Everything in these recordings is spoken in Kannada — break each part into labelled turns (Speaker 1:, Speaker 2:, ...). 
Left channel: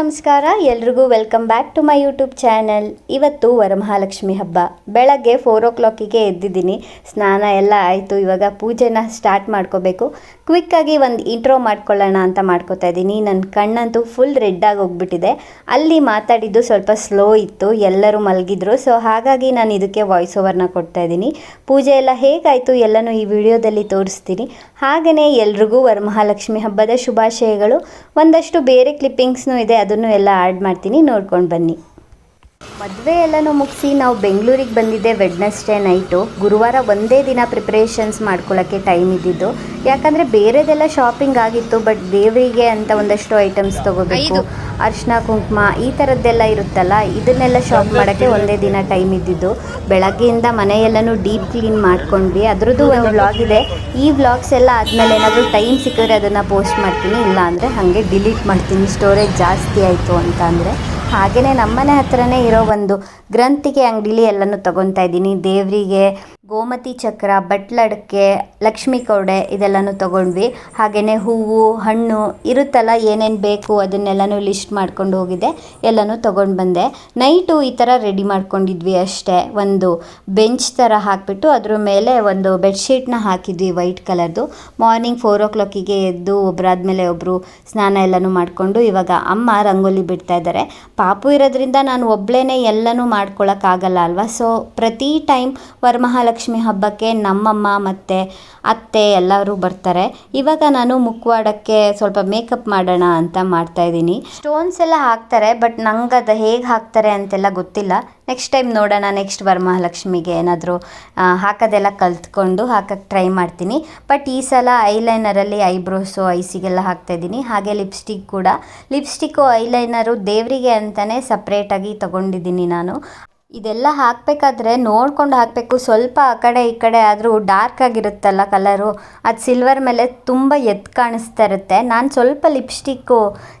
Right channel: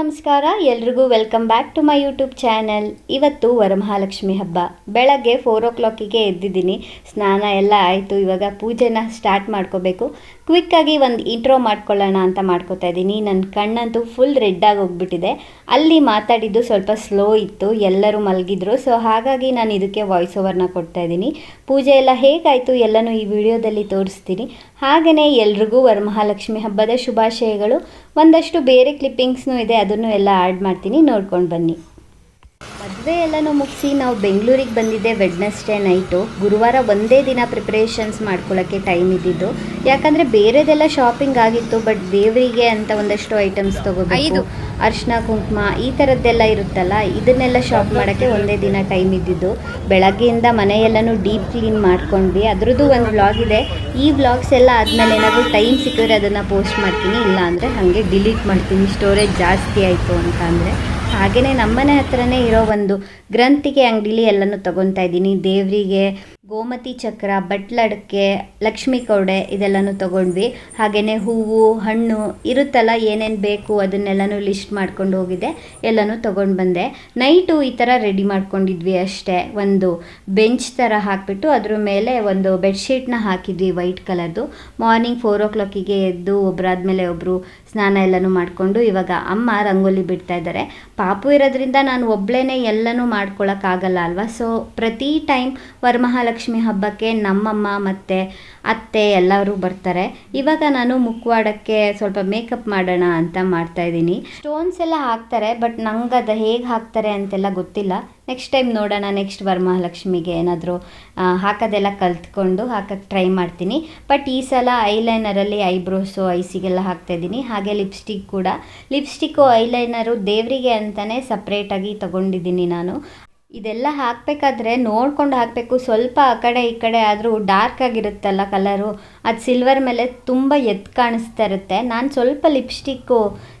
Speaker 1: ನಮಸ್ಕಾರ, ಎಲ್ರಿಗೂ welcome back to my YouTube channel. ಇವತ್ತು ವರಮಹಾಲಕ್ಷ್ಮಿ ಹಬ್ಬ. ಬೆಳಗ್ಗೆ ಫೋರ್ ಓ ಕ್ಲಾಕಿಗೆ ಎದ್ದಿದ್ದೀನಿ. ಸ್ನಾನ ಎಲ್ಲ ಆಯಿತು, ಇವಾಗ ಪೂಜೆನ ಸ್ಟಾರ್ಟ್ ಮಾಡ್ಕೋಬೇಕು. ಕ್ವಿಕ್ಕಾಗಿ ಒಂದು ಇಂಟ್ರೋ ಮಾಡ್ಕೊಳ್ಳೋಣ ಅಂತ ಮಾಡ್ಕೋತಾ ಇದ್ದೀನಿ. ನನ್ನ ಕಣ್ಣಂತೂ ಫುಲ್ ರೆಡ್ ಆಗಿ ಹೋಗ್ಬಿಟ್ಟಿದೆ. ಅಲ್ಲಿ ಮಾತಾಡಿದ್ದು ಸ್ವಲ್ಪ ಸ್ಲೋ ಇತ್ತು. ಎಲ್ಲರೂ ಮಲಗಿದ್ರು. ಸೊ ಹಾಗಾಗಿ ನಾನು ಇದಕ್ಕೆ ವಾಯ್ಸ್ ಓವರ್ನ ಕೊಡ್ತಾ ಇದ್ದೀನಿ. ಪೂಜೆ ಎಲ್ಲ ಹೇಗಾಯಿತು ಎಲ್ಲನೂ ಈ ವಿಡಿಯೋದಲ್ಲಿ ತೋರಿಸ್ತೀನಿ. ಹಾಗೆಯೇ ಎಲ್ರಿಗೂ ವರಮಹಾಲಕ್ಷ್ಮಿ ಹಬ್ಬದ ಶುಭಾಶಯಗಳು. ಒಂದಷ್ಟು ಬೇರೆ ಕ್ಲಿಪ್ಪಿಂಗ್ಸ್ನೂ ಇದೆ, ಅದನ್ನು ಎಲ್ಲ ಆ್ಯಡ್ ಮಾಡ್ತೀನಿ, ನೋಡ್ಕೊಂಡು ಬನ್ನಿ. ಮದುವೆ ಎಲ್ಲನೂ ಮುಗಿಸಿ ನಾವು ಬೆಂಗಳೂರಿಗೆ ಬಂದಿದ್ದೆ ವೆಡ್ನೆಸ್ಡೇ ನೈಟು ಗುರುವಾರ ಒಂದೇ ದಿನ ಪ್ರಿಪ್ರೇಷನ್ಸ್ ಮಾಡ್ಕೊಳ್ಳೋಕ್ಕೆ ಟೈಮ್ ಇದ್ದಿದ್ದು. ಯಾಕಂದರೆ ಬೇರೆದೆಲ್ಲ ಶಾಪಿಂಗ್ ಆಗಿತ್ತು ಬಟ್ ದೇವರಿಗೆ ಅಂತ ಒಂದಷ್ಟು ಐಟಮ್ಸ್ ತೊಗೋಬೇಕು. ಅರಿಶಿನ ಕುಂಕುಮ ಈ ಥರದ್ದೆಲ್ಲ ಇರುತ್ತಲ್ಲ, ಇದನ್ನೆಲ್ಲ ಶಾಪ್ ಮಾಡೋಕ್ಕೆ ಒಂದೇ ದಿನ ಟೈಮ್ ಇದ್ದಿದ್ದು. ಬೆಳಗ್ಗೆಯಿಂದ ಮನೆಯೆಲ್ಲನೂ ಡೀಪ್ ಕ್ಲೀನ್ ಮಾಡ್ಕೊಂಡ್ವಿ. ಅದರದ್ದು ಒಂದು ವ್ಲಾಗ್ ಇದೆ. ಈ ವ್ಲಾಗ್ಸ್ ಎಲ್ಲ ಆದಮೇಲೆ ಏನಾದರೂ ಟೈಮ್ ಸಿಕ್ಕಿದ್ರೆ ಅದನ್ನು ಪೋಸ್ಟ್ ಮಾಡ್ತೀನಿ. ಇಲ್ಲ ಅಂದರೆ ಹಾಗೆ ಡಿಲೀಟ್ ಮಾಡ್ತೀನಿ. ಸ್ಟೋರೇಜ್ ಜಾಸ್ತಿ ಆಯಿತು ಅಂತ ಅಂದರೆ. ಹಾಗೆಯೇ ನಮ್ಮನೆ ಹತ್ರನೇ ಇರೋ ಒಂದು ಗ್ರಂಥಿಗೆ, ಅಂಗಡಿಲಿ ಎಲ್ಲನೂ ತೊಗೊತಾ ಇದ್ದೀನಿ. ದೇವರಿಗೆ, ಗೋಮತಿ ಚಕ್ರ ಬಟ್ಲಡಕ್ಕೆ ಲಕ್ಷ್ಮಿ ಕೌಡೆ ಇದೆಲ್ಲನೂ ತಗೊಂಡ್ವಿ. ಹಾಗೆಯೇ ಹೂವು, ಹಣ್ಣು, ಇರುತ್ತಲ್ಲ, ಏನೇನು ಬೇಕು ಅದನ್ನೆಲ್ಲನೂ ಲಿಸ್ಟ್ ಮಾಡ್ಕೊಂಡು ಹೋಗಿದ್ದೆ ಎಲ್ಲನೂ ತೊಗೊಂಡು ಬಂದೆ. ನೈಟು ಈ ಥರ ರೆಡಿ ಮಾಡ್ಕೊಂಡಿದ್ವಿ ಅಷ್ಟೇ. ಒಂದು ಬೆಂಚ್ ಥರ ಹಾಕಿಬಿಟ್ಟು ಅದ್ರ ಮೇಲೆ ಒಂದು ಬೆಡ್ಶೀಟ್ನ ಹಾಕಿದ್ವಿ ವೈಟ್ ಕಲರ್ದು. ಮಾರ್ನಿಂಗ್ ಫೋರ್ ಓ ಕ್ಲಾಕಿಗೆ ಎದ್ದು ಒಬ್ಬರಾದ್ಮೇಲೆ ಒಬ್ಬರು ಸ್ನಾನ ಎಲ್ಲನೂ ಮಾಡಿಕೊಂಡು ಇವಾಗ ಅಮ್ಮ ರಂಗೋಲಿ ಬಿಡ್ತಾ ಇದ್ದಾರೆ. ಪಾಪು ಇರೋದ್ರಿಂದ ನಾನು ಒಬ್ಳೇ ಎಲ್ಲನೂ ಮಾಡ್ಕೊಳಕ್ಕಾಗಲ್ಲ ಅಲ್ವಾ? ಸೊ ಪ್ರತಿ ಟೈಮ್ ವರಮಹಾಲಕ್ಷ್ಮಿ ಹಬ್ಬಕ್ಕೆ ನಮ್ಮಮ್ಮ ಮತ್ತು ಅತ್ತೆ ಎಲ್ಲರೂ ಬರ್ತಾರೆ. ಇವಾಗ ನಾನು ಮುಖವಾಡಕ್ಕೆ ಸ್ವಲ್ಪ ಮೇಕಪ್ ಮಾಡೋಣ ಅಂತ ಮಾಡ್ತಾ ಇದ್ದೀನಿ. ಸ್ಟೋನ್ಸ್ ಎಲ್ಲ ಹಾಕ್ತಾರೆ, ಬಟ್ ನಂಗೆ ಅದು ಹೇಗೆ ಹಾಕ್ತಾರೆ ಅಂತೆಲ್ಲ ಗೊತ್ತಿಲ್ಲ. ನೆಕ್ಸ್ಟ್ ಟೈಮ್ ನೋಡೋಣ, ನೆಕ್ಸ್ಟ್ ವರಮಹಾಲಕ್ಷ್ಮಿಗೆ ಏನಾದರೂ ಹಾಕೋದೆಲ್ಲ ಕಲ್ತ್ಕೊಂಡು ಹಾಕಕ್ಕೆ ಟ್ರೈ ಮಾಡ್ತೀನಿ. ಬಟ್ ಈ ಸಲ ಐಲೈನರಲ್ಲಿ ಐಬ್ರೋಸು, ಐಸಿಗೆಲ್ಲ ಹಾಕ್ತಾಯಿದ್ದೀನಿ ಹಾಗೆ ಲಿಪ್ಸ್ಟಿಕ್ ಕೂಡ. ಲಿಪ್ಸ್ಟಿಕ್ಕು, ಐಲೈನರು ದೇವರಿಗೆ ಅಂತಲೇ ಸಪ್ರೇಟಾಗಿ ತೊಗೊಂಡಿದ್ದೀನಿ ನಾನು. ಇದೆಲ್ಲ ಹಾಕಬೇಕಾದ್ರೆ ನೋಡ್ಕೊಂಡು ಹಾಕಬೇಕು. ಸ್ವಲ್ಪ ಆ ಕಡೆ ಈ ಕಡೆ ಆದರೂ ಡಾರ್ಕ್ ಆಗಿರುತ್ತಲ್ಲ ಕಲರು ಅದು ಸಿಲ್ವರ್ ಮೇಲೆ ತುಂಬ ಎದ್ದು ಕಾಣಿಸ್ತಾ ಇರುತ್ತೆ. ನಾನು ಸ್ವಲ್ಪ ಲಿಪ್ಸ್ಟಿಕ್ಕು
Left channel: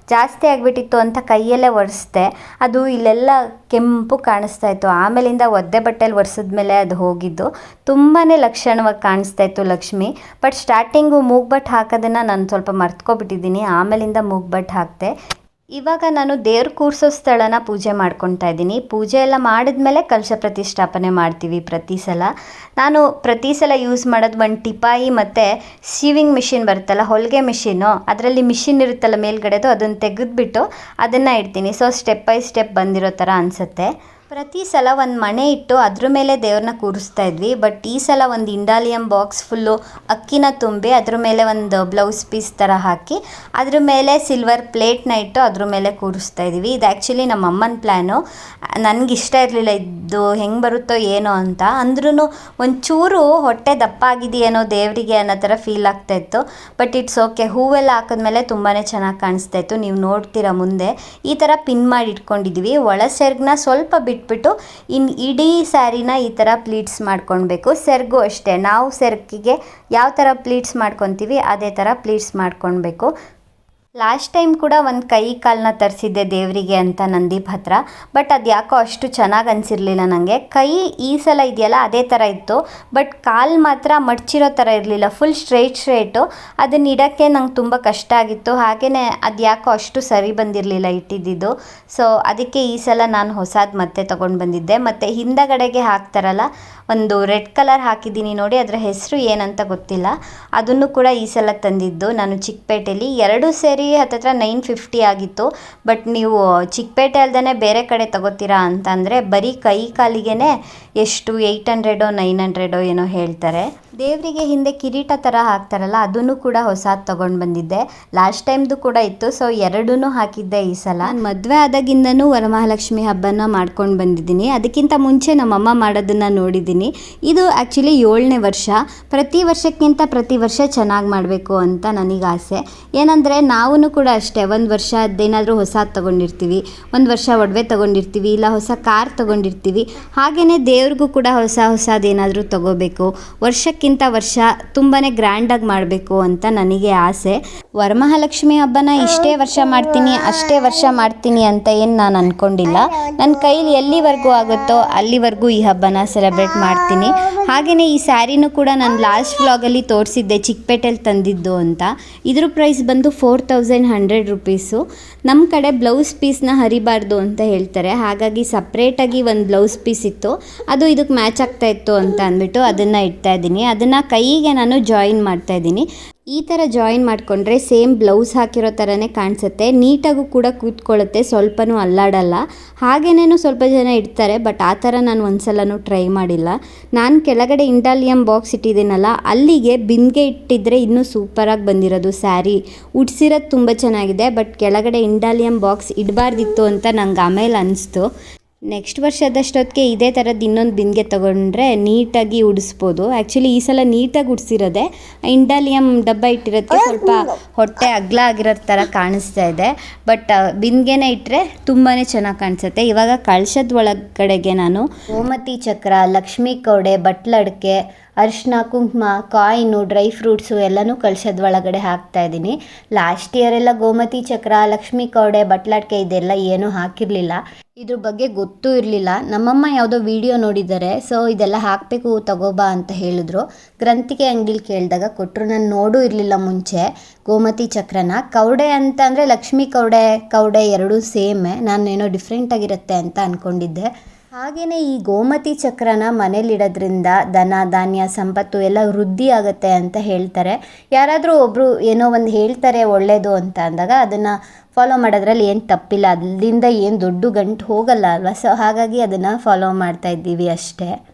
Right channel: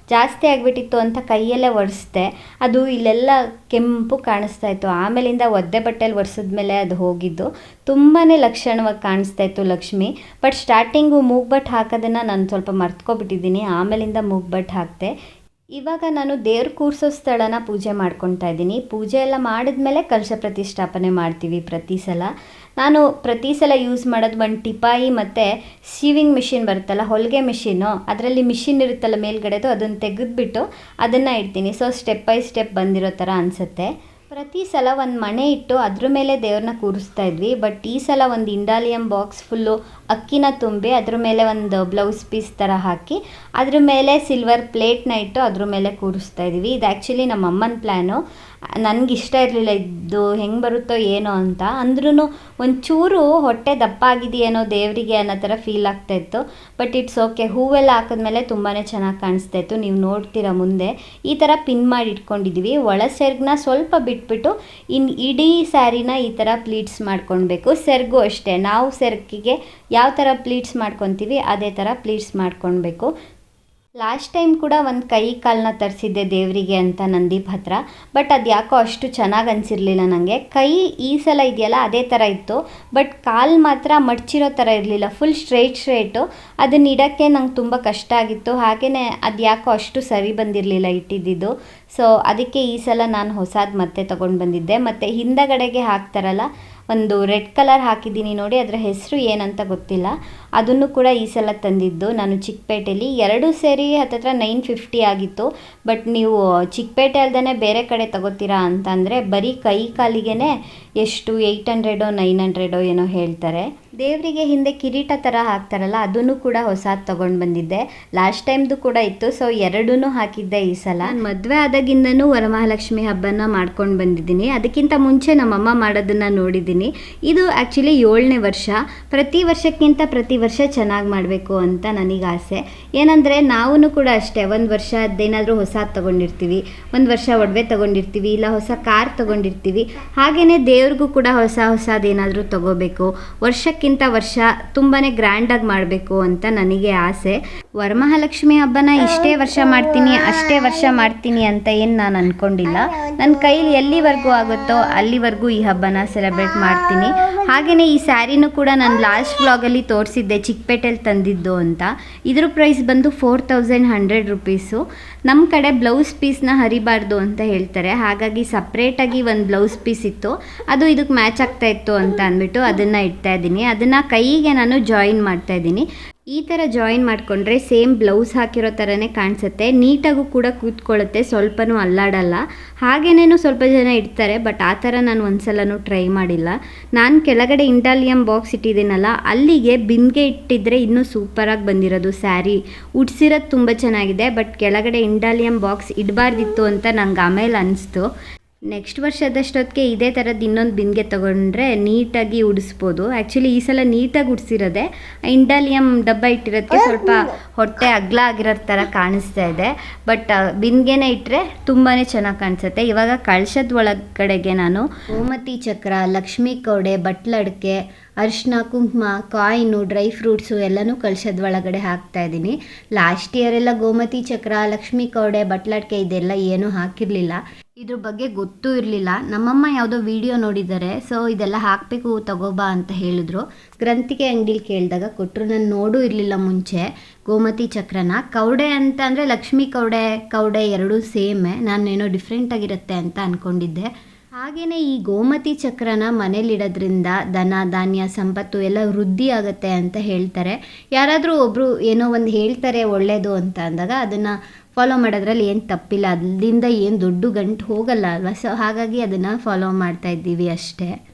Speaker 1: ಜಾಸ್ತಿ ಆಗಿಬಿಟ್ಟಿತ್ತು ಅಂತ ಕೈಯಲ್ಲೇ ಒರೆಸ್ದೆ. ಅದು ಇಲ್ಲೆಲ್ಲ ಕೆಂಪು ಕಾಣಿಸ್ತಾ ಇತ್ತು. ಆಮೇಲಿಂದ ಒದ್ದೆ ಬಟ್ಟೆಲಿ ಒರೆಸಿದ್ಮೇಲೆ ಅದು ಹೋಗಿದ್ದು. ತುಂಬಾ ಲಕ್ಷಣವಾಗಿ ಕಾಣಿಸ್ತಾ ಇತ್ತು ಲಕ್ಷ್ಮಿ. ಬಟ್ ಸ್ಟಾರ್ಟಿಂಗು ಮೂಗ್ಬಟ್ಟು ಹಾಕೋದನ್ನು ನಾನು ಸ್ವಲ್ಪ ಮರ್ತ್ಕೊಬಿಟ್ಟಿದ್ದೀನಿ. ಆಮೇಲಿಂದ ಮೂಗ್ಬಟ್ಟು ಹಾಕಿದೆ. ಇವಾಗ ನಾನು ದೇವ್ರ ಕೂರಿಸೋ ಸ್ಥಳನ ಪೂಜೆ ಮಾಡ್ಕೊತಾ ಇದ್ದೀನಿ. ಪೂಜೆ ಎಲ್ಲ ಮಾಡಿದ್ಮೇಲೆ ಕಲಶ ಪ್ರತಿಷ್ಠಾಪನೆ ಮಾಡ್ತೀವಿ ಪ್ರತಿ ಸಲ. ನಾನು ಪ್ರತಿ ಸಲ ಯೂಸ್ ಮಾಡೋದು ಒಂದು ಟಿಪಾಯಿ ಮತ್ತು ಸೀವಿಂಗ್ ಮಿಷಿನ್ ಬರುತ್ತಲ್ಲ, ಹೊಲಿಗೆ ಮಿಷಿನ್ನು ಅದರಲ್ಲಿ ಮಿಷಿನ್ ಇರುತ್ತಲ್ಲ ಮೇಲ್ಗಡೆದು, ಅದನ್ನು ತೆಗೆದುಬಿಟ್ಟು ಅದನ್ನು ಇಡ್ತೀನಿ. ಸೊ ಸ್ಟೆಪ್ ಬೈ ಸ್ಟೆಪ್ ಬಂದಿರೋ ಥರ ಅನಿಸುತ್ತೆ. ಪ್ರತಿ ಸಲ ಒಂದು ಮಣೆ ಇಟ್ಟು ಅದ್ರ ಮೇಲೆ ದೇವ್ರನ್ನ ಕೂರಿಸ್ತಾ ಇದ್ವಿ. ಬಟ್ ಈ ಸಲ ಒಂದು ಇಂಡಾಲಿಯಂ ಬಾಕ್ಸ್ ಫುಲ್ಲು ಅಕ್ಕಿನ ತುಂಬಿ ಅದ್ರ ಮೇಲೆ ಒಂದು ಬ್ಲೌಸ್ ಪೀಸ್ ಥರ ಹಾಕಿ ಅದ್ರ ಮೇಲೆ ಸಿಲ್ವರ್ ಪ್ಲೇಟ್ನ ಇಟ್ಟು ಅದ್ರ ಮೇಲೆ ಕೂರಿಸ್ತಾ ಇದ್ವಿ. ಇದು ಆ್ಯಕ್ಚುಲಿ ನಮ್ಮ ಅಮ್ಮನ ಪ್ಲ್ಯಾನು ಇಷ್ಟ ಇರಲಿಲ್ಲ, ಇದು ಹೆಂಗೆ ಬರುತ್ತೋ ಏನೋ ಅಂತ. ಅಂದ್ರೂ ಒಂಚೂರು ಹೊಟ್ಟೆ ದಪ್ಪ ಆಗಿದೆಯೇನೋ ದೇವರಿಗೆ ಅನ್ನೋ ಥರ ಫೀಲ್ ಆಗ್ತಾಯಿತ್ತು ಬಟ್ ಇಟ್ಸ್ ಓಕೆ, ಹೂವೆಲ್ಲ ಹಾಕಿದ್ಮೇಲೆ ತುಂಬಾ ಚೆನ್ನಾಗಿ ಕಾಣಿಸ್ತಾ ಇತ್ತು. ನೀವು ನೋಡ್ತೀರಾ ಮುಂದೆ. ಈ ಥರ ಪಿನ್ ಮಾಡಿ ಇಟ್ಕೊಂಡಿದ್ವಿ. ಒಳ ಸೆರ್ಗನ್ನ ಸ್ವಲ್ಪ ಬಿಟ್ಬಿಟ್ಟು ಇನ್ನು ಇಡೀ ಸ್ಯಾರಿನ ಈ ಥರ ಪ್ಲೀಟ್ಸ್ ಮಾಡ್ಕೊಳ್ಬೇಕು. ಸೆರ್ಗು ಅಷ್ಟೇ. ನಾವು ಸೆರ್ಕಿಗೆ ಯಾವ ಥರ ಪ್ಲೀಟ್ಸ್ ಮಾಡ್ಕೊತೀವಿ ಅದೇ ಥರ ಪ್ಲೀಟ್ಸ್ ಮಾಡ್ಕೊಳ್ಬೇಕು. ಲಾಸ್ಟ್ ಟೈಮ್ ಕೂಡ ಒಂದು ಕೈ ಕಾಲನ್ನ ತರಿಸಿದ್ದೆ ದೇವರಿಗೆ ಅಂತ ನಂದೀಪ್ ಹತ್ರ, ಬಟ್ ಅದು ಯಾಕೋ ಅಷ್ಟು ಚೆನ್ನಾಗಿ ಅನಿಸಿರಲಿಲ್ಲ ನನಗೆ ಕೈ ಈ ಸಲ ಇದೆಯಲ್ಲ, ಅದೇ ಥರ ಇತ್ತು, ಬಟ್ ಕಾಲು ಮಾತ್ರ ಮಡಚಿರೋ ಥರ ಇರಲಿಲ್ಲ ಫುಲ್ ಸ್ಟ್ರೈಟ್ ಸ್ಟ್ರೈಟು ಅದನ್ನ ಇಡೋಕ್ಕೆ ನಂಗೆ ತುಂಬ ಕಷ್ಟ ಆಗಿತ್ತು. ಹಾಗೆಯೇ ಅದು ಯಾಕೋ ಅಷ್ಟು ಸರಿ ಬಂದಿರಲಿಲ್ಲ ಇಟ್ಟಿದ್ದಿದ್ದು. ಸೊ ಅದಕ್ಕೆ ಈ ಸಲ ನಾನು ಹೊಸದು ಮತ್ತೆ ತೊಗೊಂಡು ಬಂದಿದ್ದೆ. ಮತ್ತು ಹಿಂದಗಡೆಗೆ ಹಾಕ್ತಾರಲ್ಲ ಒಂದು ರೆಡ್ ಕಲರ್ ಹಾಕಿದ್ದೀನಿ ನೋಡಿ, ಅದರ ಹೆಸರು ಏನಂತ ಗೊತ್ತಿಲ್ಲ. ಅದನ್ನು ಕೂಡ ಈ ಸಲ ತಂದಿದ್ದು. ನಾನು ಚಿಕ್ಕಪೇಟೆಯಲ್ಲಿ ಎರಡು ಸೇರಿ ಹತ್ತತ್ರ ನೈನ್ ಫಿಫ್ಟಿ ಆಗಿತ್ತು. ಬಟ್ ನೀವು ಚಿಕ್ಕಪೇಟೆ ಅಲ್ಲದೇ ಬೇರೆ ಕಡೆ ತಗೋತೀರಾ ಅಂತಂದರೆ ಬರೀ ಕೈ ಕಾಲಿಗೆ ಎಷ್ಟು ಏಯ್ಟ್ ಹಂಡ್ರೆಡೋ, ನೈನ್ ಹಂಡ್ರೆಡೋ ಏನೋ ಹೇಳ್ತಾರೆ. ದೇವರಿಗೆ ಹಿಂದೆ ಕಿರೀಟ ಥರ ಹಾಕ್ತಾರಲ್ಲ, ಅದನ್ನು ಕೂಡ ಹೊಸದು ತೊಗೊಂಡು ಬಂದಿದ್ದೆ. ಲಾಸ್ಟ್ ಟೈಮ್ದು ಕೂಡ ಇತ್ತು ಸೊ ಎರಡೂ ಹಾಕಿದ್ದೆ ಈ ಸಲ. ಮದುವೆ ಆದಾಗಿಂದನೂ ವರಮಹಾಲಕ್ಷ್ಮಿ ಹಬ್ಬನ ಮಾಡ್ಕೊಂಡು ಬಂದಿದ್ದೀನಿ. ಅದಕ್ಕಿಂತ ಮುಂಚೆ ನಮ್ಮಮ್ಮ ಮಾಡೋದನ್ನು ನೋಡಿದ್ದೀನಿ. ಇದು ಆ್ಯಕ್ಚುಲಿ ಏಳನೇ ವರ್ಷ. ಪ್ರತಿ ವರ್ಷಕ್ಕಿಂತ ಪ್ರತಿ ವರ್ಷ ಚೆನ್ನಾಗಿ ಮಾಡಬೇಕು ಅಂತ ನನಗೆ ಆಸೆ. ಏನಂದರೆ ನಾವು ಕೂಡ ಅಷ್ಟೇ, ಒಂದು ವರ್ಷ ಅದೇನಾದರೂ ಹೊಸದು ತೊಗೊಂಡಿರ್ತೀವಿ. ಒಂದು ವರ್ಷ ಒಡವೆ ತೊಗೊಂಡಿರ್ತೀವಿ, ಇಲ್ಲ ಹೊಸ ಕಾರ್ ತೊಗೊಂಡಿರ್ತೀವಿ. ಹಾಗೆಯೇ ದೇವ್ರಿಗೂ ಕೂಡ ಹೊಸ ಹೊಸದೇನಾದರೂ ತೊಗೋಬೇಕು. ವರ್ಷಕ್ಕಿಂತ ವರ್ಷ ತುಂಬಾ ಗ್ರ್ಯಾಂಡಾಗಿ ಮಾಡಬೇಕು ಅಂತ ನನಗೆ ಆಸೆ.
Speaker 2: ವರಮಹಾಲಕ್ಷ್ಮಿ ಹಬ್ಬನ ಇಷ್ಟೇ ವರ್ಷ ಮಾಡ್ತೀನಿ, ಅಷ್ಟೇ ವರ್ಷ ಮಾಡ್ತೀನಿ ಅಂತ ಏನು ನಾನು ಅಂದ್ಕೊಂಡಿಲ್ಲ ನನ್ನ ಕೈಲಿ ಎಲ್ಲಿವರೆಗೂ ಆಗುತ್ತೋ ಅಲ್ಲಿವರೆಗೂ ಈ ಹಬ್ಬನ ಸೆಲೆಬ್ರೇಟ್ ಮಾಡ್ತೀನಿ. ಹಾಗೆಯೇ ಈ ಸ್ಯಾರಿನೂ ಕೂಡ ನಾನು ಲಾಸ್ಟ್ ವ್ಲಾಗಲ್ಲಿ ತೋರಿಸಿದ್ದೆ ಚಿಕ್ಕಪೇಟೆಯಲ್ಲಿ ತಂದಿದ್ದು ಅಂತ. ಇದ್ರ ಪ್ರೈಸ್ ಬಂದು ಫೋರ್ ತೌಸಂಡ್ ಹಂಡ್ರೆಡ್ ರುಪೀಸು ನಮ್ಮ ಕಡೆ ಬ್ಲೌಸ್ ಪೀಸ್ನ ಹರಿಬಾರ್ದು ಅಂತ ಹೇಳ್ತಾರೆ. ಹಾಗಾಗಿ ಸಪ್ರೇಟಾಗಿ ಒಂದು ಬ್ಲೌಸ್ ಪೀಸ್ ಇತ್ತು. ಅದು ಇದಕ್ಕೆ ಮ್ಯಾಚ್ ಆಗ್ತಾ ಇತ್ತು ಅಂತ ಅಂದ್ಬಿಟ್ಟು ಅದನ್ನು ಇಡ್ತಾ ಇದ್ದೀನಿ. ಅದನ್ನು ಕೈಗೆ ನಾನು ಜಾಯಿನ್ ಮಾಡ್ತಾ ಇದ್ದೀನಿ. ಈ ಥರ ಜಾಯಿನ್ ಮಾಡಿಕೊಂಡ್ರೆ ಸೇಮ್ ಬ್ಲೌಸ್ ಹಾಕಿರೋ ಥರನೇ ಕಾಣಿಸುತ್ತೆ. ನೀಟಾಗೂ ಕೂಡ ಕೂತ್ಕೊಳ್ಳುತ್ತೆ, ಸ್ವಲ್ಪನೂ ಅಲ್ಲಾಡಲ್ಲ. ಹಾಗೇನೇನು ಸ್ವಲ್ಪ ಜನ ಇಡ್ತಾರೆ ಬಟ್ ಆ ಥರ ನಾನು ಒಂದ್ಸಲನೂ ಟ್ರೈ ಮಾಡಿಲ್ಲ. ನಾನು ಕೆಳಗಡೆ ಇಂಡಾಲಿಯಂ ಬಾಕ್ಸ್ ಇಟ್ಟಿದ್ದೀನಲ್ಲ, ಅಲ್ಲಿಗೆ ಬಿಂದಿಗೆ ಇಟ್ಟಿದ್ರೆ ಇನ್ನೂ ಸೂಪರಾಗಿ ಬಂದಿರೋದು ಸ್ಯಾರಿ. ಉಡ್ಸಿರೋದು ತುಂಬ ಚೆನ್ನಾಗಿದೆ ಬಟ್ ಕೆಳಗಡೆ ಇಂಡಾಲಿಯಂ ಬಾಕ್ಸ್ ಇಡಬಾರ್ದಿತ್ತು ಅಂತ ನಂಗೆ ಆಮೇಲೆ ಅನಿಸ್ತು. ನೆಕ್ಸ್ಟ್ ವರ್ಷದಷ್ಟೊತ್ತಿಗೆ ಇದೇ ಥರದ್ದು ಇನ್ನೊಂದು ಬಿಂದಿಗೆ ತೊಗೊಂಡ್ರೆ ನೀಟಾಗಿ ಉಡಿಸ್ಬೋದು. ಆ್ಯಕ್ಚುಲಿ ಈ ಸಲ ನೀಟಾಗಿ ಉಡಿಸಿರೋದೆ ಇಂಡಾಲಿಯಂ ಡಬ್ಬ ಇಟ್ಟಿರೋದಕ್ಕೆ ಸ್ವಲ್ಪ ಹೊಟ್ಟೆ ಅಗ್ಲ ಆಗಿರೋ ಥರ ಕಾಣಿಸ್ತಾ ಇದೆ. ಬಟ್ ಬಿಂದಿಗೆನೆ ಇಟ್ಟರೆ ತುಂಬಾ ಚೆನ್ನಾಗಿ ಕಾಣಿಸುತ್ತೆ. ಇವಾಗ ಕಳಶದ ಒಳಗಡೆಗೆ ನಾನು ಗೋಮತಿ ಚಕ್ರ ಲಕ್ಷ್ಮೀ ಕೌಡೆ ಬಟ್ಲಡ್ಕೆ ಅರಿಶಿನ ಕುಂಕುಮ ಕಾಯಿನು ಡ್ರೈ ಫ್ರೂಟ್ಸು ಎಲ್ಲನೂ ಕಳಶದ ಒಳಗಡೆ ಹಾಕ್ತಾ ಇದ್ದೀನಿ. ಲಾಸ್ಟ್ ಇಯರ್ ಎಲ್ಲ ಗೋಮತಿ ಚಕ್ರ ಲಕ್ಷ್ಮೀ ಕೌಡೆ ಬಟ್ಲಡ್ಕೆ ಇದೆಲ್ಲ ಏನೂ ಹಾಕಿರಲಿಲ್ಲ. ಇದ್ರ ಬಗ್ಗೆ ಗೊತ್ತೂ ಇರಲಿಲ್ಲ. ನಮ್ಮಮ್ಮ ಯಾವುದೋ ವಿಡಿಯೋ ನೋಡಿದ್ದಾರೆ ಸೊ ಇದೆಲ್ಲ ಹಾಕಬೇಕು, ತಗೋಬಾ ಅಂತ ಹೇಳಿದ್ರು. ಗ್ರಂಥಿಕೆ ಅಂಗಡಿಲಿ ಕೇಳಿದಾಗ ಕೊಟ್ಟರು ನಾನು ನೋಡೂ ಇರಲಿಲ್ಲ ಮುಂಚೆ. ಗೋಮತಿ ಚಕ್ರನ. ಕೌಡೆ ಅಂತ ಅಂದರೆ ಲಕ್ಷ್ಮೀ ಕೌಡೆ ಕೌಡೆ ಎರಡೂ ಸೇಮೇ. ನಾನೇನೋ ಡಿಫ್ರೆಂಟ್ ಆಗಿರುತ್ತೆ ಅಂತ ಅಂದ್ಕೊಂಡಿದ್ದೆ ಹಾಗೆಯೇ ಈ ಗೋಮತಿ ಚಕ್ರನ ಮನೇಲಿಡೋದ್ರಿಂದ ದನ, ಧಾನ್ಯ, ಸಂಪತ್ತು ಎಲ್ಲ ವೃದ್ಧಿ ಆಗುತ್ತೆ ಅಂತ ಹೇಳ್ತಾರೆ. ಯಾರಾದರೂ ಒಬ್ಬರು ಏನೋ ಒಂದು ಹೇಳ್ತಾರೆ ಒಳ್ಳೆಯದು ಅಂತ ಅಂದಾಗ ಅದನ್ನು ಫಾಲೋ ಮಾಡೋದ್ರಲ್ಲಿ ಏನು ತಪ್ಪಿಲ್ಲ. ಅಲ್ಲಿಂದ ಏನು ದೊಡ್ಡ ಗಂಟು ಹೋಗಲ್ಲ ಅಲ್ವಾ? ಸೊ ಹಾಗಾಗಿ ಅದನ್ನು ಫಾಲೋ ಮಾಡ್ತಾ ಇದ್ದೀವಿ ಅಷ್ಟೇ.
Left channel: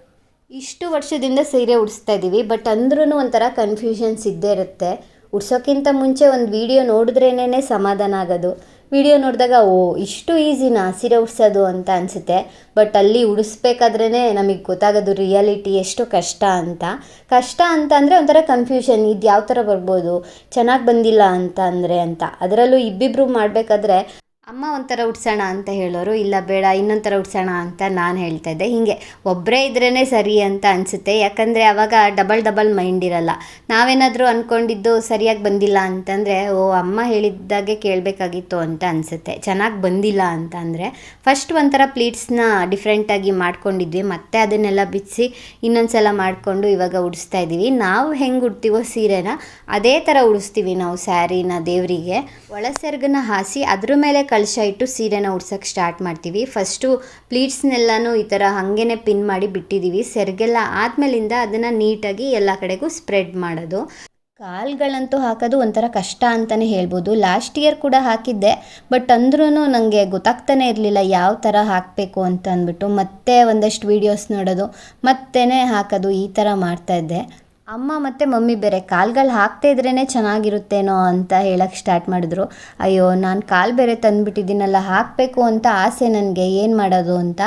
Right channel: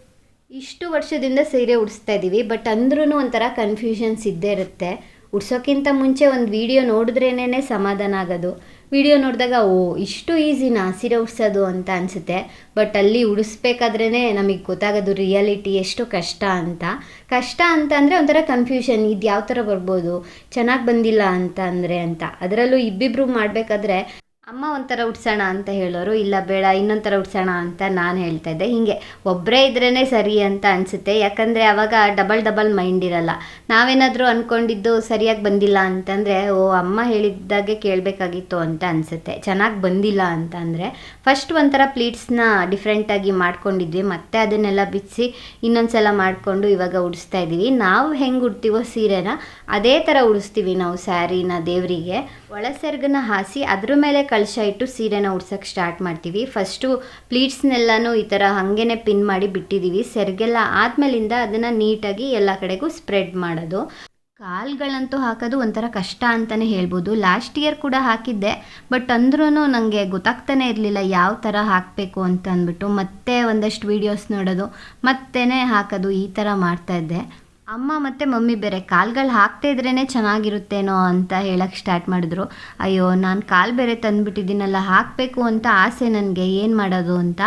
Speaker 2: ಇಷ್ಟು ವರ್ಷದಿಂದ ಸೀರೆ ಉಡಿಸ್ತಾ ಇದ್ದೀವಿ. ಬಟ್ ಅಂದ್ರೂ ಒಂಥರ ಕನ್ಫ್ಯೂಷನ್ಸ್ ಇದ್ದೇ ಇರುತ್ತೆ. ಉಡ್ಸೋಕ್ಕಿಂತ ಮುಂಚೆ ಒಂದು ವಿಡಿಯೋ ನೋಡಿದ್ರೇನೇ ಸಮಾಧಾನ ಆಗೋದು. ವಿಡಿಯೋ ನೋಡಿದಾಗ, ಓ, ಇಷ್ಟು ಈಸಿನಾ ಸೀರೆ ಉಡ್ಸೋದು ಅಂತ ಅನಿಸುತ್ತೆ. ಬಟ್ ಅಲ್ಲಿ ಉಡಿಸ್ಬೇಕಾದ್ರೇ ನಮಗೆ ಗೊತ್ತಾಗೋದು ರಿಯಾಲಿಟಿ ಎಷ್ಟು ಕಷ್ಟ ಅಂತ. ಕಷ್ಟ ಅಂತ ಅಂದರೆ ಒಂಥರ ಕನ್ಫ್ಯೂಷನ್ ಇದು ಯಾವ ಥರ ಬರ್ಬೋದು, ಚೆನ್ನಾಗಿ ಬಂದಿಲ್ಲ ಅಂತ ಅಂದರೆ ಅಂತ. ಅದರಲ್ಲೂ ಇಬ್ಬಿಬ್ರು ಮಾಡಬೇಕಾದ್ರೆ ಅಮ್ಮ ಒಂಥರ ಉಡ್ಸೋಣ ಅಂತ ಹೇಳೋರು, ಇಲ್ಲ ಬೇಡ ಇನ್ನೊಂದು ಥರ ಉಡ್ಸೋಣ ಅಂತ ನಾನು ಹೇಳ್ತಾ ಇದ್ದೆ. ಹೀಗೆ ಒಬ್ಬರೇ ಇದ್ರೇ ಸರಿ ಅಂತ ಅನಿಸುತ್ತೆ. ಯಾಕಂದರೆ ಆವಾಗ ಡಬಲ್ ಡಬಲ್ ಮೈಂಡ್ ಇರಲ್ಲ. ನಾವೇನಾದರೂ ಅಂದ್ಕೊಂಡಿದ್ದು ಸರಿಯಾಗಿ ಬಂದಿಲ್ಲ ಅಂತಂದರೆ, ಓ, ಅಮ್ಮ ಹೇಳಿದ್ದಾಗೆ ಕೇಳಬೇಕಾಗಿತ್ತು ಅಂತ ಅನಿಸುತ್ತೆ. ಚೆನ್ನಾಗಿ ಬಂದಿಲ್ಲ ಅಂತ ಅಂದರೆ ಫಸ್ಟ್ ಒಂಥರ ಪ್ಲೀಟ್ಸ್ನ ಡಿಫ್ರೆಂಟಾಗಿ ಮಾಡ್ಕೊಂಡಿದ್ವಿ. ಮತ್ತೆ ಅದನ್ನೆಲ್ಲ ಬಿಚ್ಚಿ ಇನ್ನೊಂದು ಸಲ ಮಾಡಿಕೊಂಡು ಇವಾಗ ಉಡಿಸ್ತಾ ಇದ್ದೀವಿ ನಾವು ಹೆಂಗೆ ಉಡ್ತೀವೋ ಸೀರೆನ, ಅದೇ ಥರ ಉಡಿಸ್ತೀವಿ ನಾವು ಸ್ಯಾರಿನ ದೇವರಿಗೆ. ಒಳಸೆರ್ಗನ್ನ ಹಾಸಿ ಅದ್ರ ಮೇಲೆ ಕಳಶ ಇಟ್ಟು ಸೀರೆನ ಉಡ್ಸೋಕ್ಕೆ ಸ್ಟಾರ್ಟ್ ಮಾಡ್ತೀವಿ. ಫಸ್ಟು ಪ್ಲೀಟ್ಸ್ನೆಲ್ಲನೂ ಈ ಥರ ಹಾಗೇ ಪಿನ್ ಮಾಡಿ ಬಿಟ್ಟಿದ್ದೀವಿ ಸೆರ್ಗೆಲ್ಲ ಆದಮೇಲಿಂದ ಅದನ್ನು ನೀಟಾಗಿ ಎಲ್ಲ ಕಡೆಗೂ ಸ್ಪ್ರೆಡ್ ಮಾಡೋದು. ಕಾಲ್ಗಳಂತೂ ಹಾಕೋದು ಒಂಥರ ಕಷ್ಟ ಅಂತಲೇ ಹೇಳ್ಬೋದು. ಲಾಸ್ಟ್ ಇಯರ್ ಕೂಡ ಹಾಕಿದ್ದೆ ಬಟ್ ಅಂದ್ರೂ ನನಗೆ ಗೊತ್ತಾಗ್ತಾನೆ ಇರಲಿಲ್ಲ ಯಾವ ಥರ ಹಾಕಬೇಕು ಅಂತ ಅಂದ್ಬಿಟ್ಟು. ಮತ್ತೆ ಒಂದಷ್ಟು ವೀಡಿಯೋಸ್ ನೋಡೋದು ಮತ್ತೇ ಹಾಕೋದು ಈ ಥರ ಮಾಡ್ತಾಯಿದ್ದೆ ಅಮ್ಮ ಮತ್ತು ಮಮ್ಮಿ ಬೇರೆ ಕಾಲ್ಗಳು ಹಾಕ್ತಾ ಇದ್ರೇ ಚೆನ್ನಾಗಿರುತ್ತೇನೋ ಅಂತ ಹೇಳಕ್ಕೆ ಸ್ಟಾರ್ಟ್ ಮಾಡಿದ್ರು. ಅಯ್ಯೋ, ನಾನು ಕಾಲು ಬೇರೆ ತಂದುಬಿಟ್ಟಿದ್ದೀನಲ್ಲ, ಹಾಕಬೇಕು ಅಂತ ಆಸೆ ನನಗೆ, ಏನು ಮಾಡೋದು ಅಂತ.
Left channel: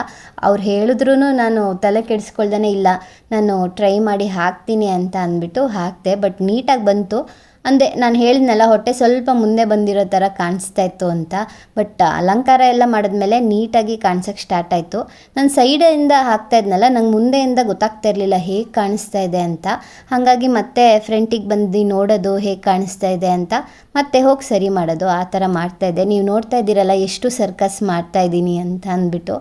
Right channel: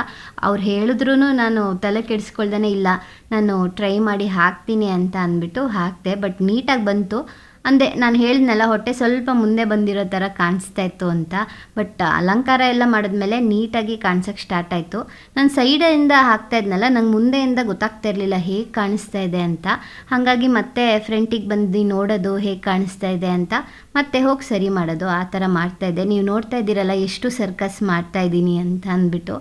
Speaker 2: ಅವ್ರು ಹೇಳಿದ್ರೂ ನಾನು ತಲೆ ಕೆಡಿಸ್ಕೊಳ್ದೇ ಇಲ್ಲ. ನಾನು ಟ್ರೈ ಮಾಡಿ ಹಾಕ್ತೀನಿ ಅಂತ ಅಂದ್ಬಿಟ್ಟು ಹಾಕಿದೆ, ಬಟ್ ನೀಟಾಗಿ ಬಂತು. ಅಂದೆ ನಾನು ಹೇಳಿದ್ನಲ್ಲ, ಹೊಟ್ಟೆ ಸ್ವಲ್ಪ ಮುಂದೆ ಬಂದಿರೋ ಥರ ಕಾಣಿಸ್ತಾ ಇತ್ತು ಅಂತ. ಬಟ್ ಅಲಂಕಾರ ಎಲ್ಲ ಮಾಡಿದ್ಮೇಲೆ ನೀಟಾಗಿ ಕಾಣಿಸೋಕೆ ಸ್ಟಾರ್ಟ್ ಆಯಿತು. ನಾನು ಸೈಡಿಂದ ಹಾಕ್ತಾ ಇದ್ನಲ್ಲ, ನಂಗೆ ಮುಂದೆಯಿಂದ ಗೊತ್ತಾಗ್ತಾ ಇರಲಿಲ್ಲ ಹೇಗೆ ಕಾಣಿಸ್ತಾ ಇದೆ ಅಂತ. ಹಾಗಾಗಿ ಮತ್ತೆ ಫ್ರೆಂಟಿಗೆ ಬಂದು ನೋಡೋದು ಹೇಗೆ ಕಾಣಿಸ್ತಾ ಇದೆ ಅಂತ. ಮತ್ತೆ ಹೋಗಿ ಸರಿ ಮಾಡೋದು, ಆ ಥರ ಮಾಡ್ತಾಯಿದ್ದೆ ನೀವು ನೋಡ್ತಾ ಇದ್ದೀರಲ್ಲ, ಎಷ್ಟು ಸರ್ಕಸ್ ಮಾಡ್ತಾ ಇದ್ದೀನಿ ಅಂತ ಅಂದ್ಬಿಟ್ಟು.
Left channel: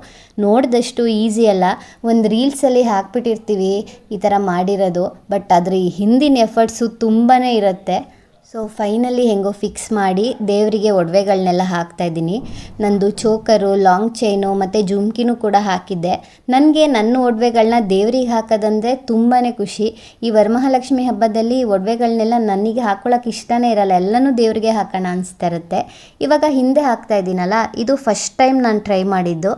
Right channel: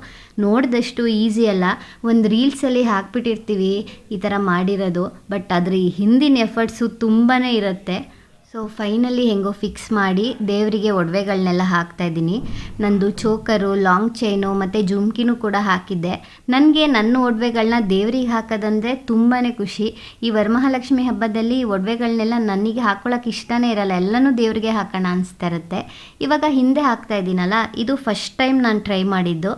Speaker 2: ನೋಡಿದಷ್ಟು ಈಸಿ ಅಲ್ಲ. ಒಂದು ರೀಲ್ಸಲ್ಲಿ ಹಾಕ್ಬಿಟ್ಟಿರ್ತೀವಿ, ಈ ಥರ ಮಾಡಿರೋದು. ಬಟ್ ಅದ್ರ ಹಿಂದಿನ ಎಫರ್ಟ್ಸು ತುಂಬಾ ಇರುತ್ತೆ. ಸೊ ಫೈನಲಿ ಹೆಂಗೋ ಫಿಕ್ಸ್ ಮಾಡಿ ದೇವರಿಗೆ ಒಡವೆಗಳನ್ನೆಲ್ಲ ಹಾಕ್ತಾಯಿದ್ದೀನಿ ನಂದು ಚೋಕರು ಲಾಂಗ್ ಚೈನು ಮತ್ತು ಜುಮ್ಕಿನೂ ಕೂಡ ಹಾಕಿದ್ದೆ. ನನಗೆ ನನ್ನ ಒಡವೆಗಳನ್ನ ದೇವರಿಗೆ ಹಾಕೋದಂದರೆ ತುಂಬಾ ಖುಷಿ. ಈ ವರಮಹಾಲಕ್ಷ್ಮಿ ಹಬ್ಬದಲ್ಲಿ ಒಡವೆಗಳನ್ನೆಲ್ಲ ನನಗೆ ಹಾಕ್ಕೊಳ್ಳೋಕೆ ಇಷ್ಟನೇ ಇರಲ್ಲ, ಎಲ್ಲನೂ ದೇವರಿಗೆ ಹಾಕೋಣ ಅನಿಸ್ತಾ ಇರುತ್ತೆ. ಇವಾಗ ಹಿಂದೆ ಹಾಕ್ತಾ ಇದ್ದೀನಲ್ಲ, ಇದು ಫಸ್ಟ್ ಟೈಮ್ ನಾನು ಟ್ರೈ ಮಾಡಿದ್ದು.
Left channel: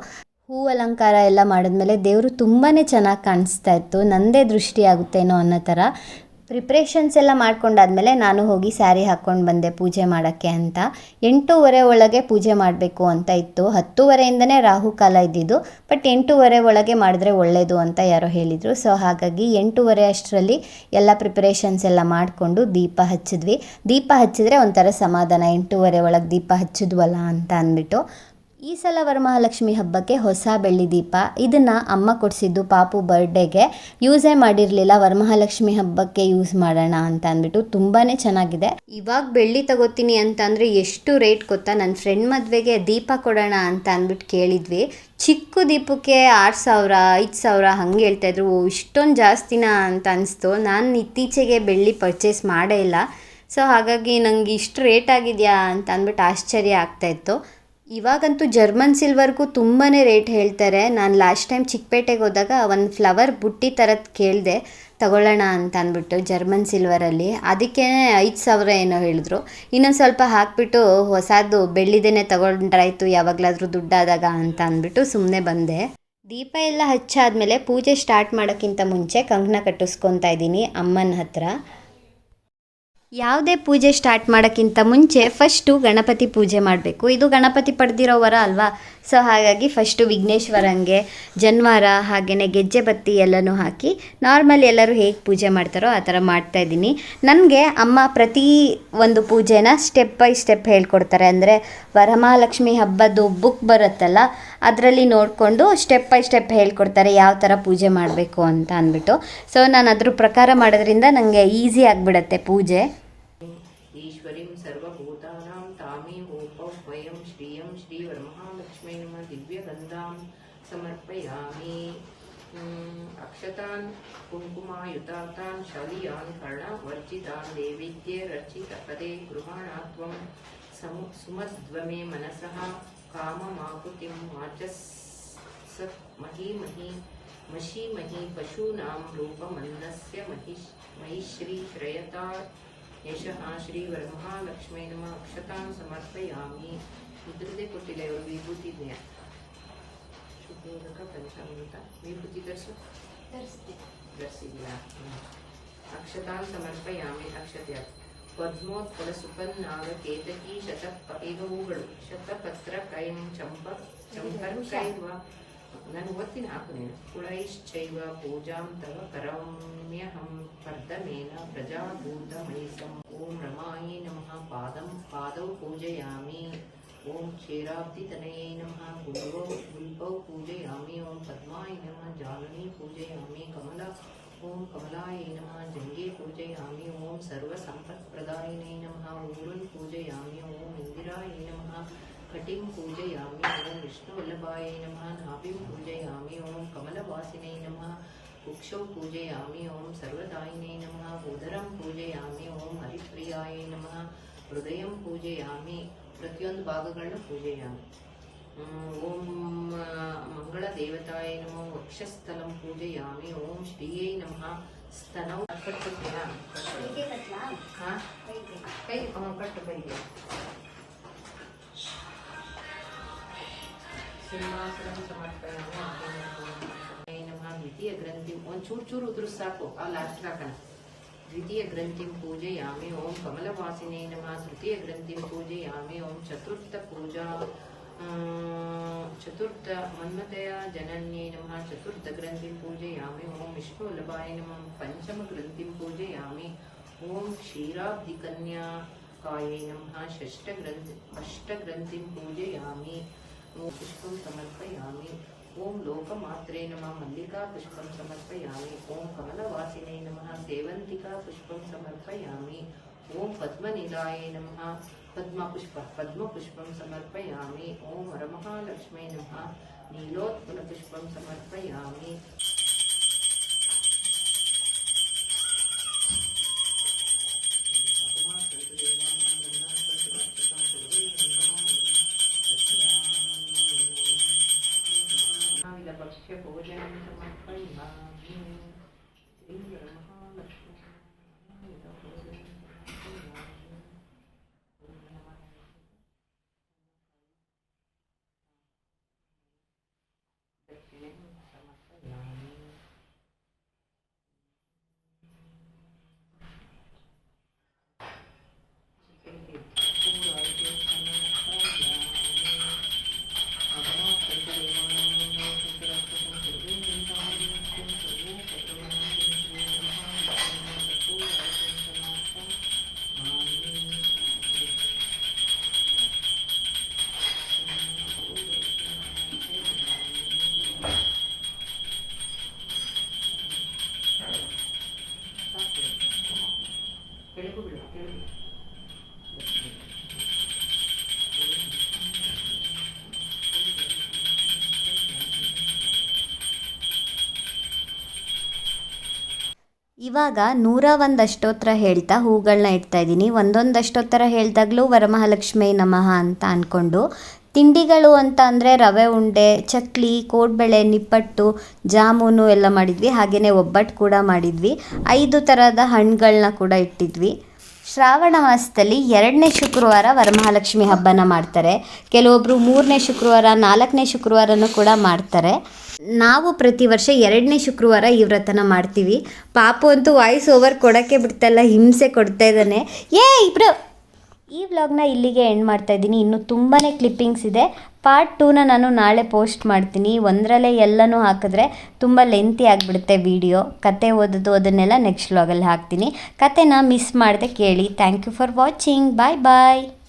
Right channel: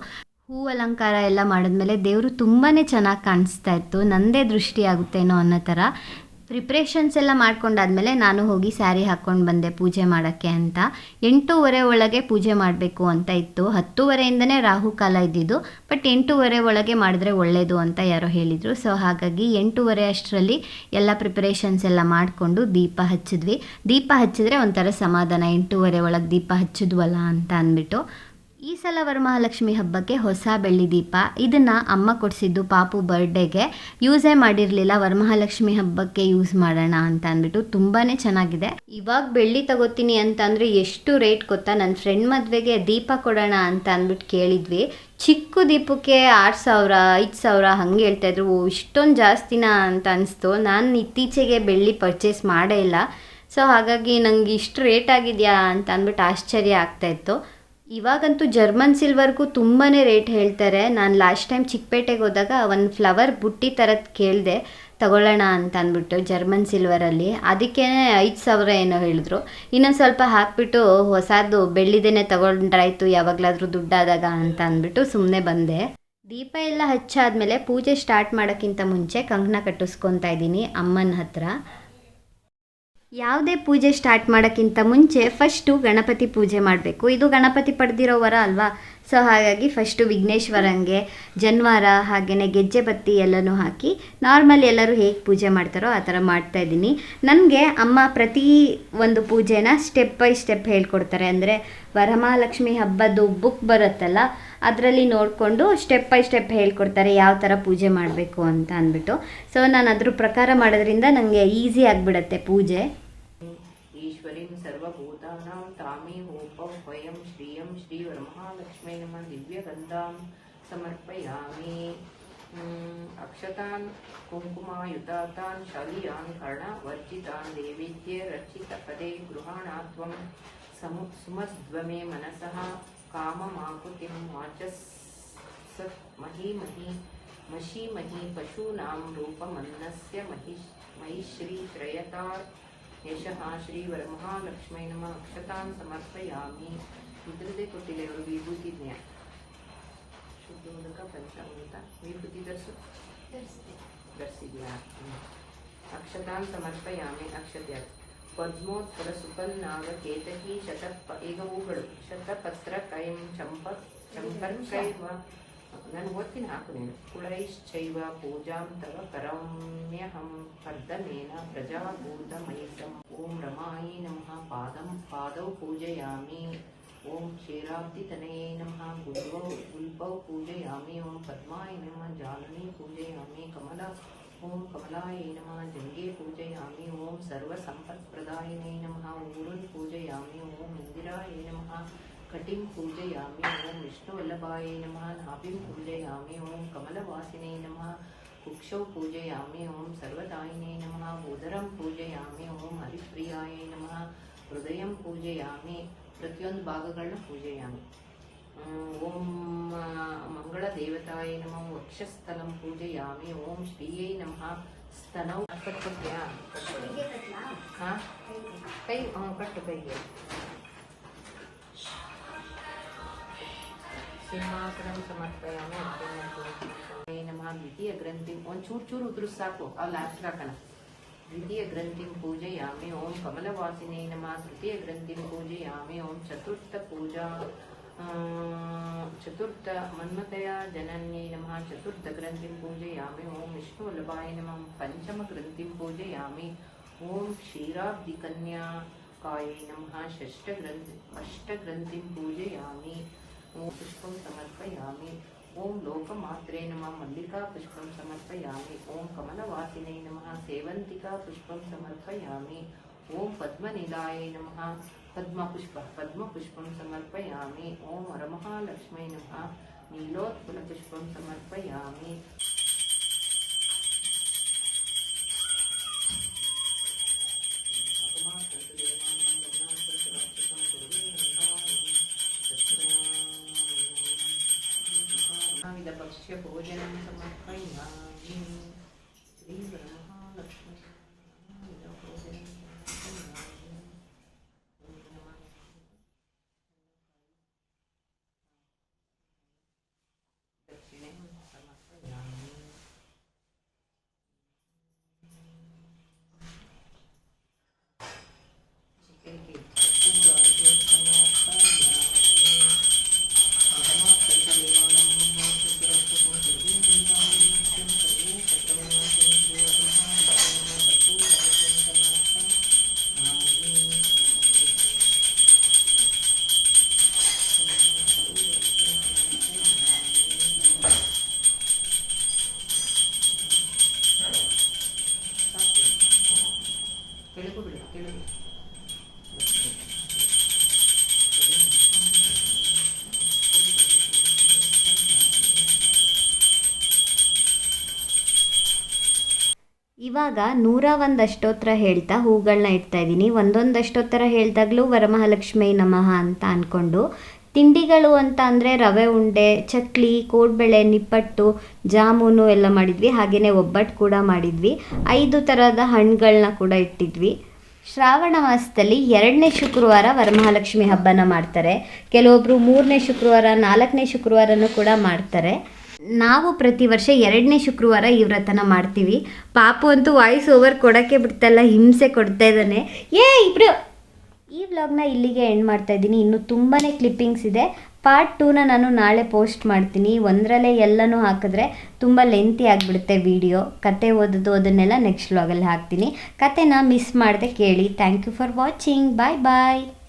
Speaker 2: ಹೂ ಅಲಂಕಾರ ಎಲ್ಲ ಮಾಡಿದ್ಮೇಲೆ ದೇವರು ತುಂಬಾ ಚೆನ್ನಾಗಿ ಕಾಣಿಸ್ತಾ ಇತ್ತು. ನನ್ನದೇ ದೃಷ್ಟಿ ಆಗುತ್ತೇನೋ ಅನ್ನೋ ಥರ. ಪ್ರಿಪ್ರೇಷನ್ಸ್ ಎಲ್ಲ ಮಾಡ್ಕೊಂಡಾದ್ಮೇಲೆ ನಾನು ಹೋಗಿ ಸ್ಯಾರಿ ಹಾಕ್ಕೊಂಡು ಬಂದೆ ಪೂಜೆ ಮಾಡೋಕ್ಕೆ ಅಂತ. ಎಂಟೂವರೆ ಒಳಗೆ ಪೂಜೆ ಮಾಡಬೇಕು ಅಂತ ಇತ್ತು. ಹತ್ತೂವರೆಯಿಂದನೇ ರಾಹುಕಾಲ ಇದ್ದಿದ್ದು ಬಟ್ ಎಂಟೂವರೆ ಒಳಗೆ ಮಾಡಿದ್ರೆ ಒಳ್ಳೆಯದು ಅಂತ ಯಾರೋ ಹೇಳಿದರು. ಸೊ ಹಾಗಾಗಿ ಎಂಟೂವರೆ ಅಷ್ಟರಲ್ಲಿ ಎಲ್ಲ ಪ್ರಿಪ್ರೇಷನ್ಸ್ ಎಲ್ಲ ಮಾಡಿಕೊಂಡು ದೀಪ ಹಚ್ಚಿದ್ವಿ. ದೀಪ ಹಚ್ಚಿದ್ರೆ ಒಂಥರ ಸಮಾಧಾನ, ಎಂಟೂವರೆ ಒಳಗೆ ದೀಪ ಹಚ್ಚಿದ್ವಲ್ಲ ಅಂತ ಅಂದ್ಬಿಟ್ಟು.
Speaker 1: ಈ ಸಲ ವರಮಹಾಲಕ್ಷ್ಮಿ ಹಬ್ಬಕ್ಕೆ ಹೊಸ ಬೆಳ್ಳಿ ದೀಪ. ಇದನ್ನು ಅಮ್ಮ ಕೊಡಿಸಿದ್ದು ಪಾಪು ಬರ್ಡೇಗೆ ಯೂಸೇ ಮಾಡಿರಲಿಲ್ಲ. ವರಮಹಾಲಕ್ಷ್ಮಿ ಹಬ್ಬಕ್ಕೆ ಯೂಸ್ ಮಾಡೋಣ ಅಂತ ಅಂದ್ಬಿಟ್ಟು ತುಂಬಾ ಚೆನ್ನಾಗಿದೆ. ಇವಾಗ ಬೆಳ್ಳಿ ತಗೋತೀನಿ ಅಂತ ಅಂದರೆ ಎಷ್ಟು ರೇಟ್ ಗೊತ್ತಾ? ನನ್ನ ಫ್ರೆಂಡ್ ಮದುವೆಗೆ ದೀಪ ಕೊಡೋಣ ಅಂತ ಅಂದ್ಬಿಟ್ಟು ಕೇಳಿದ್ವಿ. ಚಿಕ್ಕ ದೀಪಕ್ಕೆ ಆರು ಸಾವಿರ, ಐದು ಸಾವಿರ ಹಂಗೆ ಹೇಳ್ತಾಯಿದ್ರು ಓ, ಇಷ್ಟೊಂದು ಜಾಸ್ತಿನ ಅಂತ ಅನಿಸ್ತು. ನಾನು ಇತ್ತೀಚೆಗೆ ಬೆಳ್ಳಿ ಪರ್ಚೇಸ್ ಮಾಡೇ ಇಲ್ಲ. ಸೊ ಹಾಗಾಗಿ ನನಗೆ ಇಷ್ಟು ರೇಟ್ ಆಗಿದೆಯಾ ಅಂತ ಅಂದ್ಬಿಟ್ಟು ಆಶ್ಚರ್ಯ ಆಗ್ತಾಯಿತ್ತು ಇವಾಗಂತೂ ಜರ್ಮನ್ ಸಿಲ್ವರ್ಗೂ ತುಂಬಾ ರೇಟ್ ಹೇಳ್ತಾರೆ. ನಾನು ಲಾಸ್ಟ್ ಟೈಮ್ ಚಿಕ್ಕಪೇಟೆಗೆ ಹೋದಾಗ ಒಂದು ಫ್ಲವರ್ ಬುಟ್ಟಿ ಥರದ್ದು ಕೇಳಿದೆ, ತಗೊಳ್ಳೋಣ ಅಂತ ಅಂದ್ಬಿಟ್ಟು ಜರ್ಮನ್ ಸಿಲ್ವರಲ್ಲಿ. ಅದಕ್ಕೇ ಐದು ಸಾವಿರ ಏನೋ ಹೇಳಿದ್ರು. ಇನ್ನೊಂದು ಸ್ವಲ್ಪ ಹಾಕಿಬಿಟ್ಟು ಹೊಸದು ಬೆಳ್ಳಿದೇನೆ ತಗೊಂಡ್ರಾಯ್ತು, ಯಾವಾಗಲಾದರೂ ದುಡ್ಡಾದಾಗ ಅಂತ ಅಂದ್ಬಿಟ್ಟು ಸುಮ್ಮನೆ ಬಂದೆ. ದೀಪ ಎಲ್ಲ ಹಚ್ಚಾದ್ಮೇಲೆ ಪೂಜೆ ಸ್ಟಾರ್ಟ್ ಮಾಡೋಕ್ಕಿಂತ ಮುಂಚೆ ಕಂಕಣ ಕಟ್ಟಿಸ್ಕೊತಾ ಇದ್ದೀನಿ ಅಮ್ಮನ ಹತ್ರ. ಯಾವುದೇ ಪೂಜೆ ಸ್ಟಾರ್ಟ್ ಮಾಡೋಕ್ಕಿಂತ ಮುಂಚೆ ಫಸ್ಟು ಗಣಪತಿ ಪೂಜೆ ಮಾಡಬೇಕು. ಇದು ಗಣಪತಿ ಪಡೆದಿರೋ ವರ ಅಲ್ವಾ? ಸೊ ಹಾಗಾಗಿ ಫಸ್ಟು ವಿಘ್ನೇಶ್ವರಂಗೆ ಜನ್ವಾರ ಹಾಗೆಯೇ ಗೆಜ್ಜೆ ಬತ್ತಿ ಎಲ್ಲನೂ ಹಾಕಿ ನಾರ್ಮಲ್ ಎಲ್ಲರೂ ಹೇಗೆ ಪೂಜೆ ಮಾಡ್ತಾರೋ ಆ ಥರ ಮಾಡ್ತಾ ಇದ್ದೀನಿ. ನನಗೆ ಅಮ್ಮ ಪ್ರತಿ ಒಂದು ಪೂಜೆನ ಸ್ಟೆಪ್ ಬೈ ಸ್ಟೆಪ್ ಹೇಳ್ಕೊಡ್ತಾರೆ. ಅಂದರೆ ವರಮಹಾಲಕ್ಷ್ಮಿ ಹಬ್ಬದ್ದು ಬುಕ್ ಬರುತ್ತಲ್ಲ, ಅದರಲ್ಲಿ ನೋಡಿಕೊಂಡು ಸ್ಟೆಪ್ ಬೈ ಸ್ಟೆಪ್ ಹೇಳ್ಕೊಡ್ತಾರೆ ಯಾವ ಥರ ಪೂಜೆ ಮಾಡಬೇಕು ಅಂತ ಅಂದ್ಬಿಟ್ಟು. ಸೊ ನಾನು ಅದ್ರ ಪ್ರಕಾರ ಮಾಡೋದ್ರಿಂದ ನನಗೆ ಈಸಿ ಆಗಿಬಿಡತ್ತೆ ಪೂಜೆ.
Speaker 3: उम्, अक्षतान् कुङ्कुमायुतातान् शौर्यान् कर्णवर्जितान् देवीद्ये रचितपदे गृहाणात्वं समु सुमध्वमे मनसः काममाकुतिं वाचस् महीमहि मशीमहि पशूनां रूपमन्नस्य महिष् महिश्रीश्रयता ಯಶಃ ಶ್ರೀ ವರಮಹಾಲಕ್ಷ್ಮೀ ನಮ ಅಕ್ಷತಾನ್ ಸಮರ್ಪಯಾಮಿ ಇದ್ರದ್ದೇ ಕೊಟ್ಟಿಲ್ಲ ಇವರು ವಿಭೂತಿ ದಿನ ಮೂಲಕ ಪಂಚಾಮೃತ ವಿಭೂತಿ ಧರಿಸು ಧರಿಸಿದ್ಯಾ ಅಕ್ಷತಾನ್ ಸಮರ್ಪಯಾಮಿ ಅಕ್ಷತೆ ಪದ್ಮೋತ್ಪಲ ಸುಕನ್ನಾದ ಕೇತಕಿ ಶತ ಈಗ ಹೂಗಳು ಶತಪತ್ರ ಕೈಂ ಚಂಪ ಚಂಪರ್ಕೈವ ನಾನು ಓದ್ತೀನಿ ಹಾಕು ನೀನು ಕುಳೈಶ್ಚೈವ ಪೂಜಾಂ ತವ ಕರಮ್ಯಹಂ ಕರ್ದಮೇನ ಪ್ರಜಾಭೂತಮಣಿಸಂ ಓಂ ರಮಾಯೇ ನಮಃ ಪಾದಂ ಪಾದೌ ಪೂಜಯಾಮಿ ಓಂ ಕ್ಷೀರಾಬ್ಧಿತನಯೇ ನಮಃ ಗುಲ್ಬೌ ಗುಲ್ಬೌ ಪೂಜಯಾಮಿ ಓಂ ಪದ್ಮಾಯ ನಮಃ ಜಾಲನಿ ಪೂಜಯಾಮಿ ಕಮಲ ಓಂ ಕಮಲಾಯ ನಮಃ ಜಂಗೆ ಪೂಜಯಾಮಿ ಓಂ ಸರ್ವಸಂಪತ್ಪ್ರದಾಯಿನೇ ನಮಃ ಊರುನ್ ಪೂಜಯಾಮಿ ಓಂ ಇಂದಿರಾಯ ನಮಃ ಕಟಿಂ ಪೂಜಯಾಮಿ ಓಂ ವಿಷ್ಣುವಲ್ಲಭಾಯ ನಮಃ ನಾಭಿಂ ಪೂಜಯಾಮಿ ಓಂ ಕಮಲವಾಸಿನೇ ನಮಃ ಕುಕ್ಷೌ ಪೂಜಯಾಮಿ ಓಂ ಸರ್ವದಾಯಿನೇ ನಮಃ ಉದರಂ ಪೂಜಯಾಮಿ ಓಂ ಹರಿಪ್ರಿಯಾಯ ನಮಃ ಹೃದಯಂ ಪೂಜಯಾಮಿ ಪ್ರತಿಯೊಂದು ಭಾಗಗಳನ್ನ ಪೂಜೆ ಓಂ ಮಂಗಳ ದೇವತಾಯ ನಮಃ ವಕ್ಷಸ್ಥಲಂ ಪೂಜಯಾಮಿ ಓಂ ಶ್ರೀಯೈ ನಮಃ ಸ್ತನೌ ಕಟ್ಟುತ್ತೀಯಾ? ಹಾ? ಕೈ ಕಟ್ಟು ಕೈಗೆ. ಸಿಂಹಾಸನ ಸಮರ್ಪಯಾಮಿ ನಮಃ ದ್ವಿತೀಯ ಗ್ರಂಥಿ. ಒಂದು ಚೂರು ಚೂರು ಉದುರು ಸಾಕು. ಅಲ್ಲಿ ಅರ್ಥ ಹಾಕೋಣ द्वितीय ग्रन्थिं पूजयामि ॐ कमलवासिने नमः तृतीय पूजयामि ॐ चतुर्थ पूजा अं, चतुर्थ मन्मतया जनन्यै नमः चतुर्थ ग्रन्थिं पूजयामि ॐ विष्णुवल्लभाय नमः पञ्चम ग्रन्थिं पूजयामि ॐ क्षीराब्धिकन्याकायै नमः षष्ठग्रन्थि अष्टग्रन्थिं पूजयामि ॐ पुष्पं समर्पयामि। ॐ लोकमात्रे नमः, मल्लिका पुष्पं समर्पयामि। ओम कमलवासिने नमः, सेवन्तिका पुष्पं समर्पयामि। ओम पद्मनिलाय नमः, पद्मपुष्प, पद्मपुष्पं समर्पयामि। ओम वरमहालक्ष्मी नमः, नीलोत्पलपुष्पं समर्पयामि। Apple again, I'm
Speaker 2: ಇವಾಗ ನೂರ ಒಂದು ಅಷ್ಟೋತ್ತರ ಹೇಳ್ತಾ ಹೂಗಳನ್ನ ಇಡ್ತಾ ಇದ್ದೀನಿ. ಒಂದೊಂದು ಅಷ್ಟೋತ್ತರ ವರಮಹಾಲಕ್ಷ್ಮೀ ವರಮಹಾಲಕ್ಷ್ಮಿ ನಮಃ ಅಂತ ಅಂದ್ಕೊಂಡು ತಿಂಡಿಗಳು ಅಂತ ಅಂದರೆ ರವೆ ಉಂಡೆ, ಚಕ್ಲಿ, ಕೋಡ್ಬಳೆ, ನಿಪ್ಪಟ್ಟು, ಜಾಮೂನು ಎಲ್ಲ ಮಾಡಿದ್ವಿ. ಹಾಗೆಯೇ ಒಬ್ಬಟ್ಟು ಕೂಡ ಮಾಡಿದ್ವಿ. ಐದು ಥರದ ಹಣ್ಣುಗಳನ್ನ ಕೂಡ ಇಟ್ಟಿದ್ವಿ. ಶ್ರಾವಣ ಮಾಸದಲ್ಲಿ ಎರಡನೇ ಶುಕ್ರವಾರ ವರಮಹಾಲಕ್ಷ್ಮಿ ಹಬ್ಬನ ಮಾಡ್ತಾರೆ. ಕೆಲವೊಬ್ಬರು ಮೂರನೇ ಶುಕ್ರವಾರ, ನಾಲ್ಕನೇ ಶುಕ್ರವಾರನೂ ಕೂಡ ಮಾಡ್ತಾರೆ. ನಾವು ಪ್ರತಿ ವರ್ಷ ಎರಡನೇ ಶುಕ್ರವಾರ ಈ ವ್ರತನ ಮಾಡ್ತೀವಿ. ಪಾಪು ಅಂತೂ ವಾಯ್ಸ್ ಓವರ್ ಕೊಡೋಕ್ಕೆ ಬಿಡ್ತಲ್ಲ, ಹಿಂಸೆ ಕೊಡ್ತಾ ಇದ್ದಾನೆ. ಏ, ಇಬ್ರು! ಈ ವ್ಲಾಗ್ನ ಇಲ್ಲಿಗೆ ಎಂಡ್ ಮಾಡ್ತಾ ಇದ್ದೀನಿ. ಇನ್ನು ತುಂಬಾ ಕ್ಲಿಪ್ಪಿಂಗ್ಸ್ ಇದೆ. ಪಾರ್ಟ್ ಟೂನ ನಾನು ನಾಳೆ ಪೋಸ್ಟ್ ಮಾಡ್ತೀನಿ. ಒಂದರಲ್ಲೇ ಎಲ್ಲನೂ ಹಾಕಿದ್ರೆ ತುಂಬ ಲೆಂತಿ ಆಗಿಬಿಡುತ್ತೆ ವಿಡಿಯೋ. ಕತೆ ಓದೋದು, ಅದನ್ನೆಲ್ಲ ನೆಕ್ಸ್ಟ್ ವ್ಲಾಗಲ್ಲಿ ಹಾಕ್ತೀನಿ. ಕತೆನ ಮಿಸ್ ಮಾಡದೆ ಕೇಳಿ. Thank you for watching. Bye bye!